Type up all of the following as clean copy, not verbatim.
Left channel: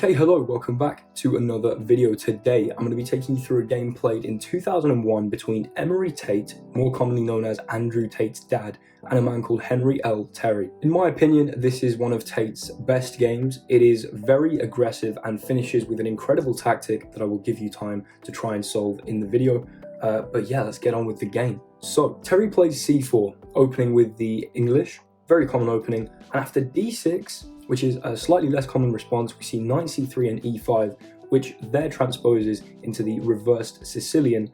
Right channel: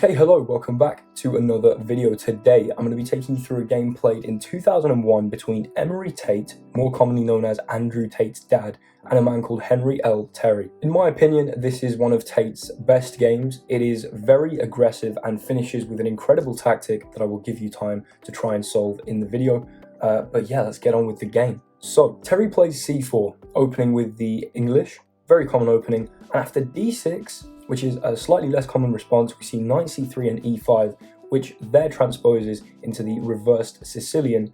Okay, hello, welcome back to another video. Today, I'm going to be taking you through a game played in 2001 between Emory Tate, more commonly known as Andrew Tate's dad, and a man called Henry L. Terry. In my opinion, this is one of Tate's best games. It is very aggressive and finishes with an incredible tactic that I will give you time to try and solve in the video. But yeah, let's get on with the game. So, Terry plays c4, opening with the English, very common opening, and after d6, which is a slightly less common response, we see knight c3 and e5, which there transposes into the reversed Sicilian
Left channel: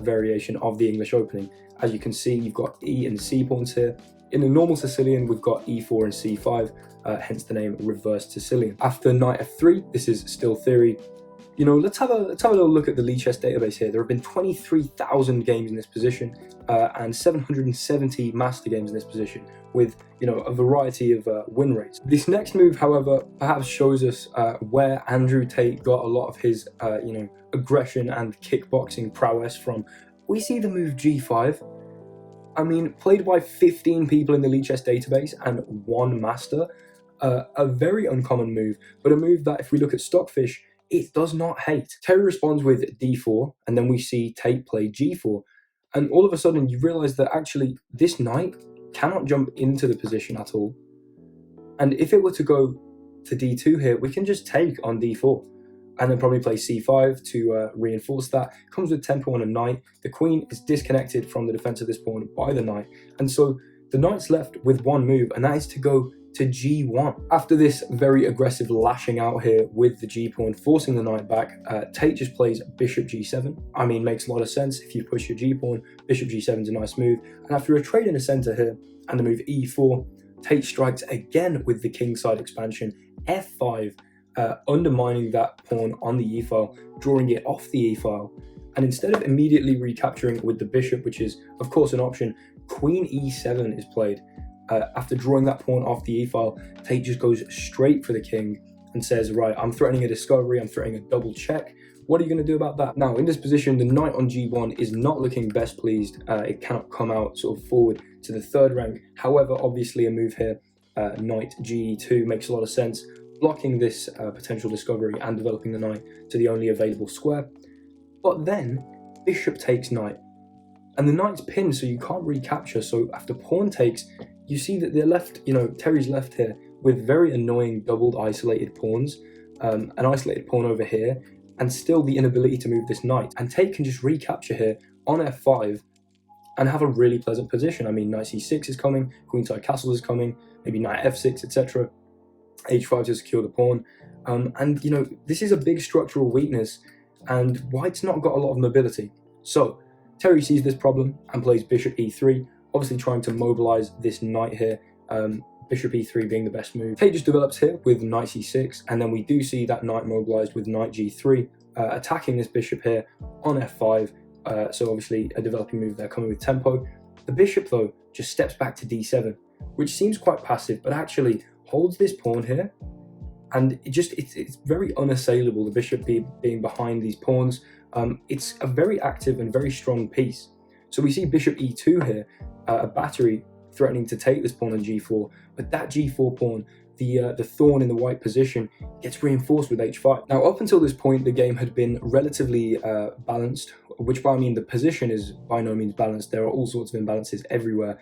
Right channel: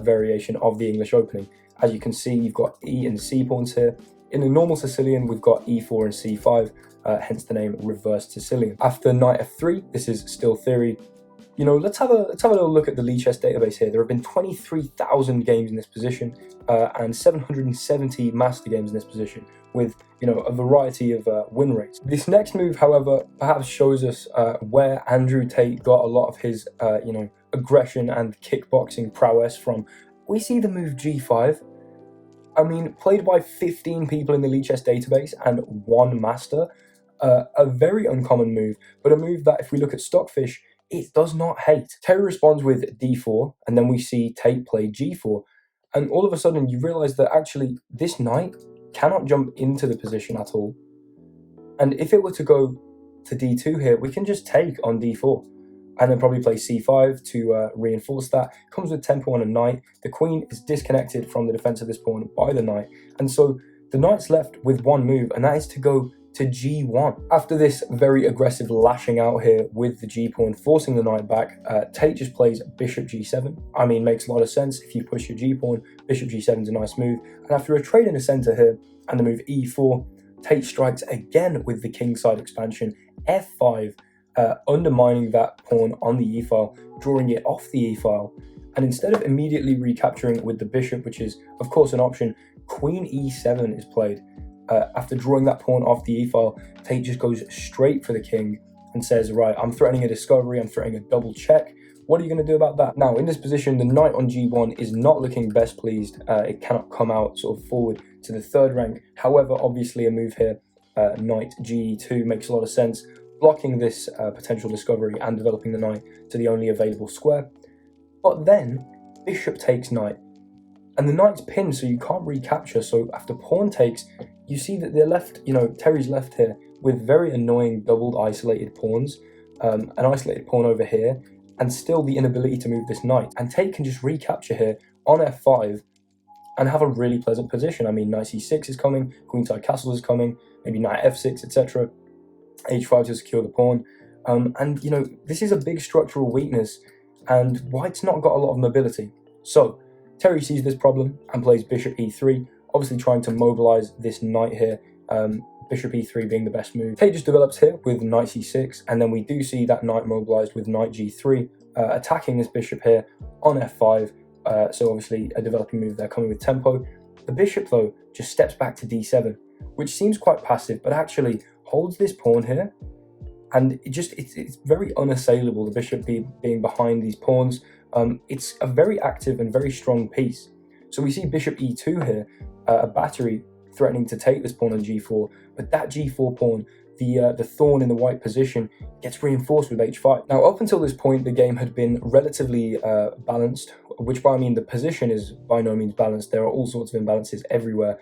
variation of the English opening. As you can see, you've got e and c pawns here. In the normal Sicilian, we've got e4 and c5, hence the name reversed Sicilian. After knight f3, this is still theory. You know, let's have a little look at the Lichess database here. There have been 23,000 games in this position and 770 master games in this position, with a variety of win rates. This next move, however, perhaps shows us where Andrew Tate got a lot of his aggression and kickboxing prowess from. We see the move g5. I mean, played by 15 people in the Lichess database and one master. A very uncommon move, but a move that, if we look at Stockfish, it does not hate. Terry responds with d4, and then we see Tate play g4, and all of a sudden you realize that actually this knight cannot jump into the position at all. And if it were to go to d2 here, we can just take on d4, and then probably play c5 to reinforce that. Comes with tempo on a knight. The queen is disconnected from the defense of this pawn by the knight, and so the knight's left with one move, and that is to go to g1. After this very aggressive lashing out here with the g-pawn, forcing the knight back, Tate just plays bishop g7. I mean, makes a lot of sense. If you push your g-pawn, bishop g7 is a nice move. And after a trade in the center here and the move e4, Tate strikes again with the kingside expansion, f5, undermining that pawn on the e-file, drawing it off the e-file. And instead of immediately recapturing with the bishop, which is of course an option, queen e7 is played. After drawing that pawn off the e-file, Tate just goes straight for the king and says, right, I'm threatening a discovery, I'm threatening a double check. What are you going to do about that? Now, in this position, the knight on g1 is not looking best pleased. It cannot come out sort of forward to the third rank. However, obviously a move here, knight g2, makes a lot of sense, blocking this potential discovery and developing the knight to the only available square. But then, bishop takes knight. And the knight's pinned, so you can't recapture. So after pawn takes, you see that they're left, Terry's left here with very annoying doubled isolated pawns, an isolated pawn over here, and still the inability to move this knight. And Tate can just recapture here on f5 and have a really pleasant position. I mean, knight c6 is coming, queenside castle is coming, maybe knight f6, etc. h5 to secure the pawn. And this is a big structural weakness, and white's not got a lot of mobility. So Terry sees this problem and plays bishop e3, obviously trying to mobilize this knight here, bishop e3 being the best move. Tate just develops here with knight c6, and then we do see that knight mobilized with knight g3, attacking this bishop here on f5, so obviously a developing move there coming with tempo. The bishop, though, just steps back to d7, which seems quite passive, but actually holds this pawn here, and it's very unassailable, the bishop being behind these pawns. It's a very active and very strong piece. So we see bishop e2 here, a battery threatening to take this pawn on g4, but that g4 pawn, the thorn in the white position, gets reinforced with h5. Now, up until this point, the game had been relatively balanced, which by I mean the position is by no means balanced. There are all sorts of imbalances everywhere.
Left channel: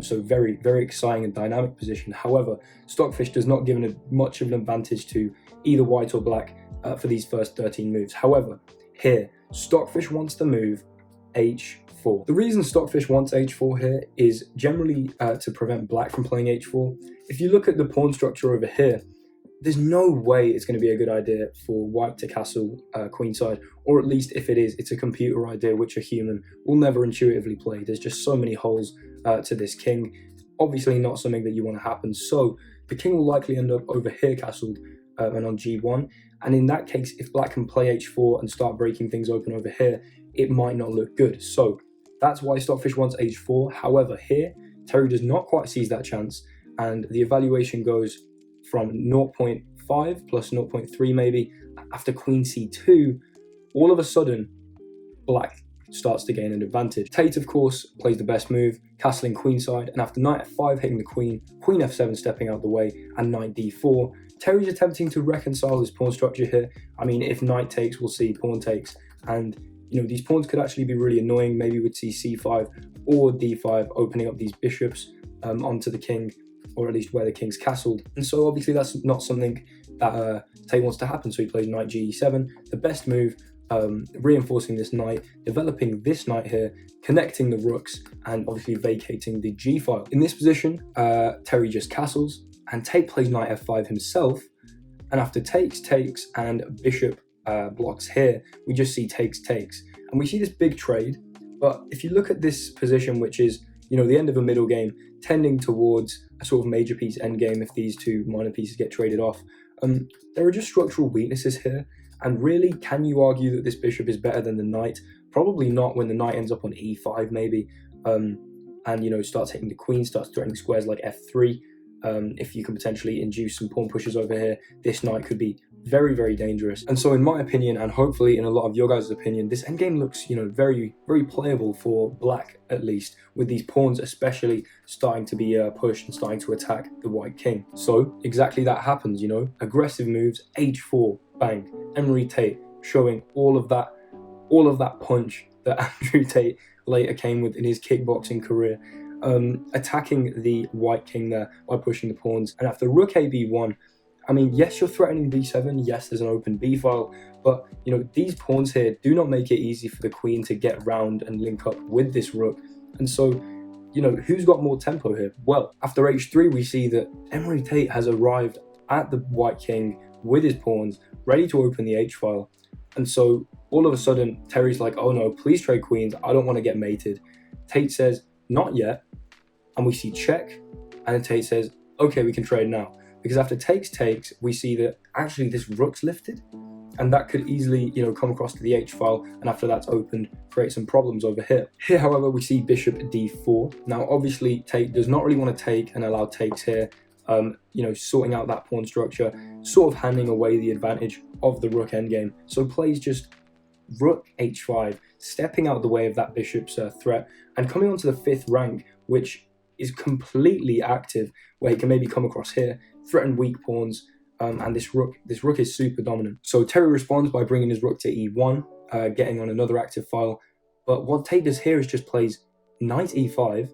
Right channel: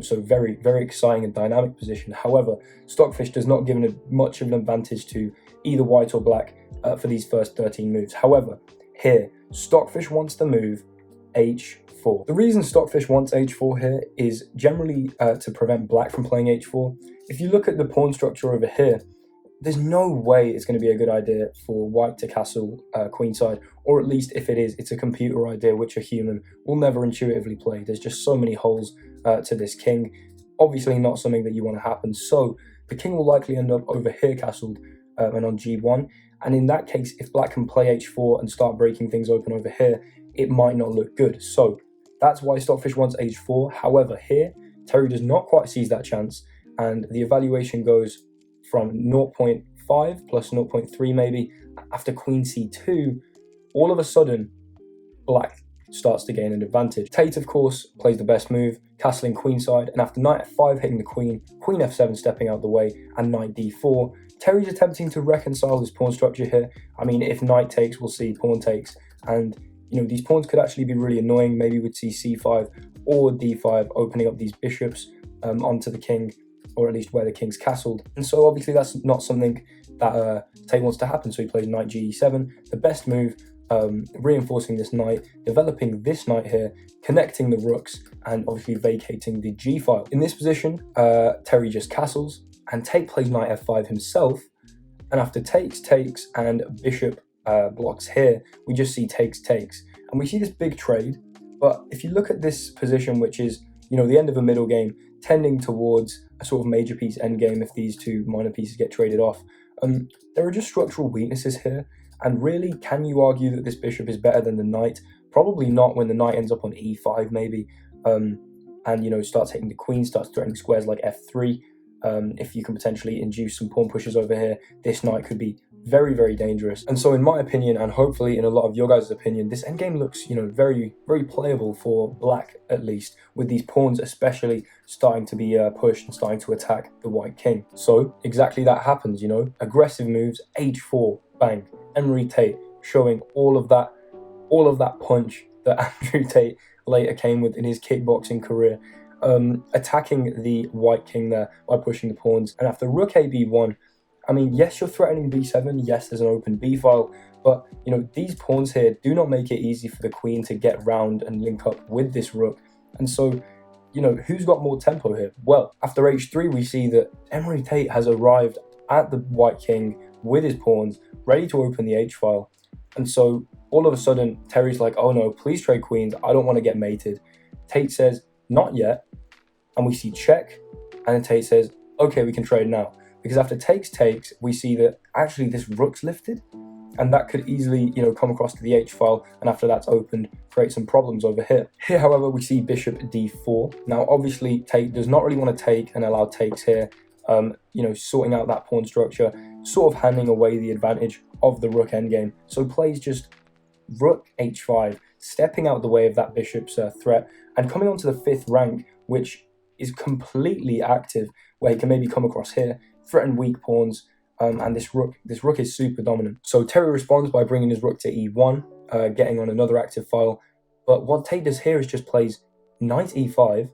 So very, very exciting and dynamic position. However, Stockfish does not give much of an advantage to either white or black for these first 13 moves. However, here, Stockfish wants the move h4. The reason Stockfish wants h4 here is generally to prevent black from playing h4. If you look at the pawn structure over here, there's no way it's going to be a good idea for white to castle queenside, or at least if it is, it's a computer idea which a human will never intuitively play. There's just so many holes to this king. Obviously not something that you want to happen. So the king will likely end up over here castled and on g1. And in that case, if black can play h4 and start breaking things open over here, it might not look good. So that's why Stockfish wants h4. However, here, Terry does not quite seize that chance, and the evaluation goes from 0.5 plus 0.3 maybe. After queen c2, all of a sudden, black starts to gain an advantage. Tate, of course, plays the best move, castling queenside, and after knight f5 hitting the queen, queen f7 stepping out the way, and knight d4, Terry's attempting to reconcile his pawn structure here. I mean, if knight takes, we'll see pawn takes, and these pawns could actually be really annoying. Maybe we'd see c5 or d5 opening up these bishops onto the king, or at least where the king's castled. And so obviously that's not something that Tate wants to happen, so he plays knight ge7, the best move, reinforcing this knight, developing this knight here, connecting the rooks, and obviously vacating the g file. In this position, Terry just castles, and Tate plays knight f5 himself, and after takes, and bishop blocks here, we just see takes, and we see this big trade. But if you look at this position, which is the end of a middle game, tending towards a sort of major piece endgame if these two minor pieces get traded off, there are just structural weaknesses here. And really, can you argue that this bishop is better than the knight? Probably not, when the knight ends up on e5 maybe, and starts hitting the queen, starts threatening squares like f3. If you can potentially induce some pawn pushes over here, this knight could be very, very dangerous. And so in my opinion, and hopefully in a lot of your guys' opinion, this endgame looks, very, very playable for black, at least, with these pawns especially starting to be pushed and starting to attack the white king. So exactly that happens, aggressive moves, h4, bang. Emory Tate showing all of that punch that Andrew Tate later came with in his kickboxing career, attacking the white king there by pushing the pawns. And after rook a b1, I mean, yes, you're threatening b7, yes, there's an open b file, but these pawns here do not make it easy for the queen to get round and link up with this rook. And so who's got more tempo here? Well, after h3, we see that Emory Tate has arrived at the white king with his pawns, ready to open the h-file. And so all of a sudden, Terry's like, oh no, please trade queens, I don't want to get mated. Tate says, not yet. And we see check, and then Tate says, okay, we can trade now. Because after takes, we see that actually this rook's lifted, and that could easily, come across to the h-file, and after that's opened, create some problems over here. Here, however, we see bishop d4. Now, obviously, Tate does not really want to take and allow takes here, sorting out that pawn structure, sort of handing away the advantage of the rook endgame. So plays just rook h5, stepping out the way of that bishop's threat, and coming onto the 5th rank, which is completely active, where he can maybe come across here, threaten weak pawns, and this rook is super dominant. So Terry responds by bringing his rook to e1, getting on another active file. But what Tate does here is just plays knight e5,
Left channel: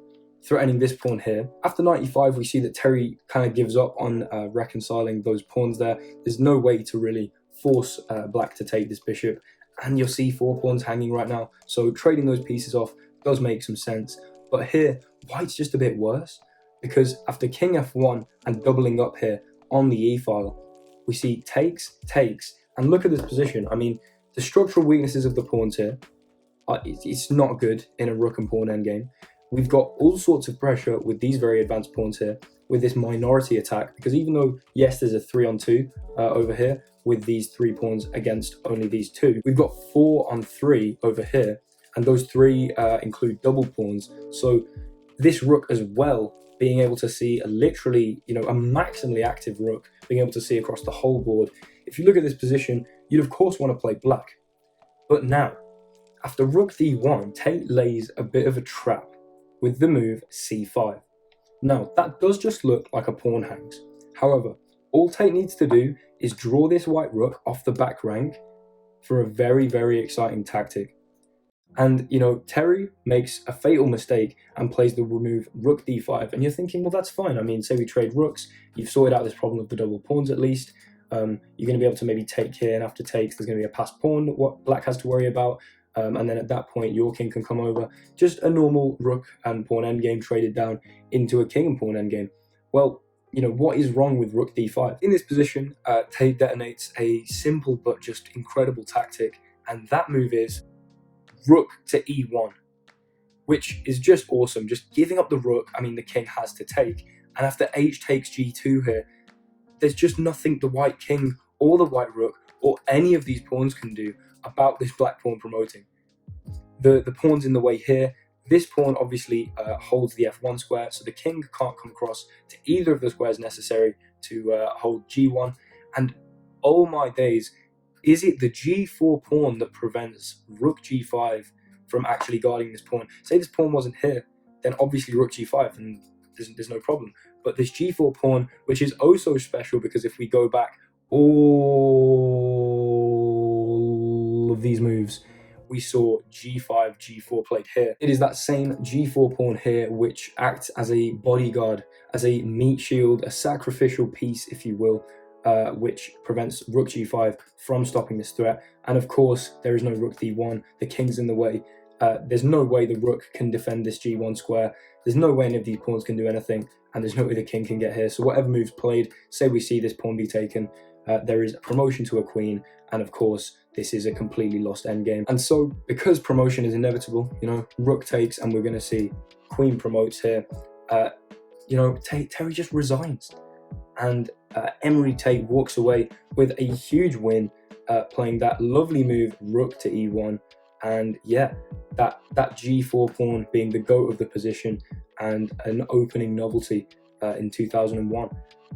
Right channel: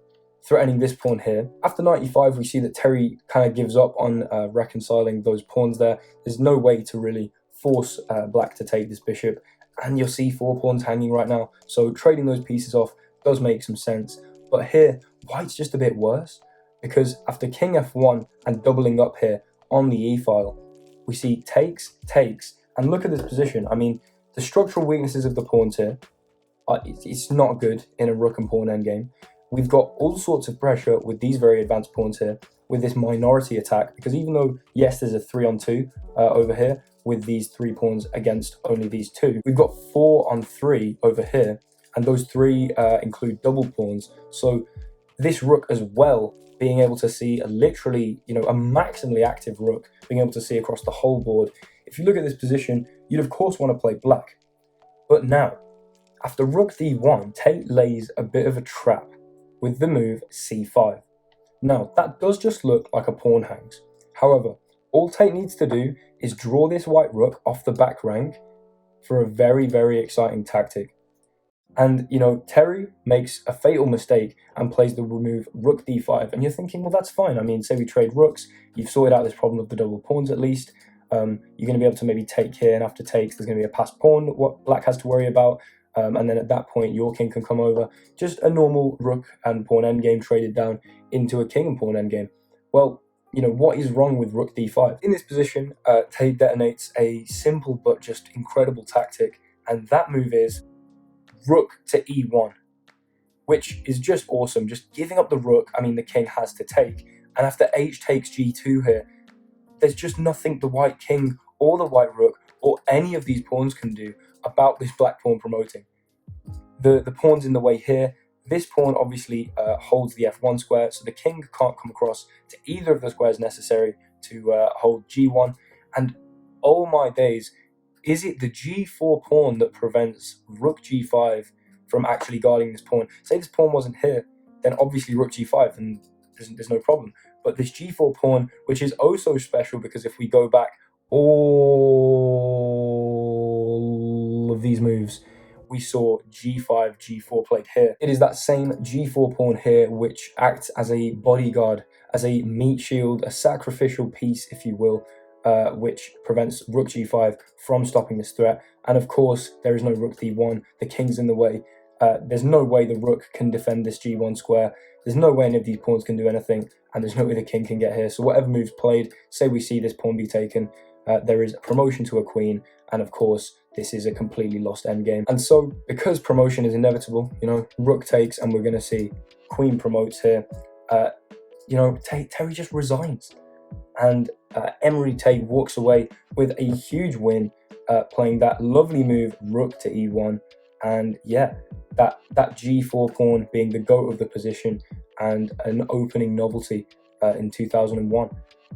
threatening this pawn here. After knight e5, we see that Terry kind of gives up on reconciling those pawns there. There's no way to really force black to take this bishop, and your c4 pawn's hanging right now, so trading those pieces off does make some sense. But here, white's just a bit worse, because after king f1 and doubling up here on the e-file, we see takes, and look at this position. I mean, the structural weaknesses of the pawns here, it's not good in a rook and pawn endgame. We've got all sorts of pressure with these very advanced pawns here, with this minority attack, because even though, yes, there's a 3-on-2 over here, with these 3 pawns against only these 2, we've got 4-on-3 over here, and those 3 include double pawns. So this rook as well, being able to see a maximally active rook, being able to see across the whole board. If you look at this position, you'd of course want to play black. But now, after rook d1, Tate lays a bit of a trap with the move c5. Now, that does just look like a pawn hangs. However, all Tate needs to do is draw this white rook off the back rank for a very, very exciting tactic. And, Terry makes a fatal mistake and plays the move rook d5. And you're thinking, well, that's fine. I mean, say we trade rooks, you've sorted out this problem of the double pawns at least. You're going to be able to maybe take here, and after takes, there's going to be a passed pawn, what black has to worry about. And then at that point, your king can come over. Just a normal rook and pawn endgame traded down into a king and pawn endgame. Well, what is wrong with rook d5? In this position, Tate detonates a simple but just incredible tactic, and that move is rook to e1, which is just awesome. Just giving up the rook, I mean, the king has to take. And after h takes g2 here, there's just nothing the white king or the white rook or any of these pawns can do about this black pawn promoting. The pawn's in the way here. This pawn obviously holds the f1 square, so the king can't come across to either of the squares necessary to hold g1. And oh my days, is it the g4 pawn that prevents rook g5 from actually guarding this pawn. Say this pawn wasn't here, then obviously rook g5, and there's no problem. But this g4 pawn, which is oh so special, because if we go back all of these moves, we saw g5, g4 played here. It is that same g4 pawn here which acts as a bodyguard, as a meat shield, a sacrificial piece, if you will, which prevents rook g5 from stopping this threat. And of course, there is no rook d1, the king's in the way. There's no way the rook can defend this g1 square. There's no way any of these pawns can do anything, and there's no way the king can get here. So whatever move's played, say we see this pawn be taken, there is a promotion to a queen, and of course, this is a completely lost endgame. And so, because promotion is inevitable, you know, rook takes, and we're going to see queen promotes here, you know, Terry just resigns. And Emory Tate walks away with a huge win, playing that lovely move, rook to e1. And yeah, that g4 pawn being the goat of the position and an opening novelty in 2001.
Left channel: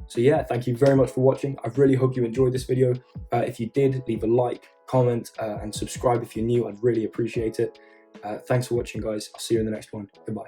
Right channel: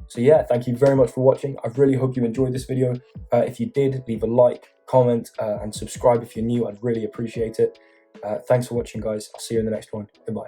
So yeah, thank you very much for watching. I really hope you enjoyed this video. If you did, leave a like, comment, and subscribe if you're new. I'd really appreciate it. Thanks for watching, guys. I'll see you in the next one. Goodbye.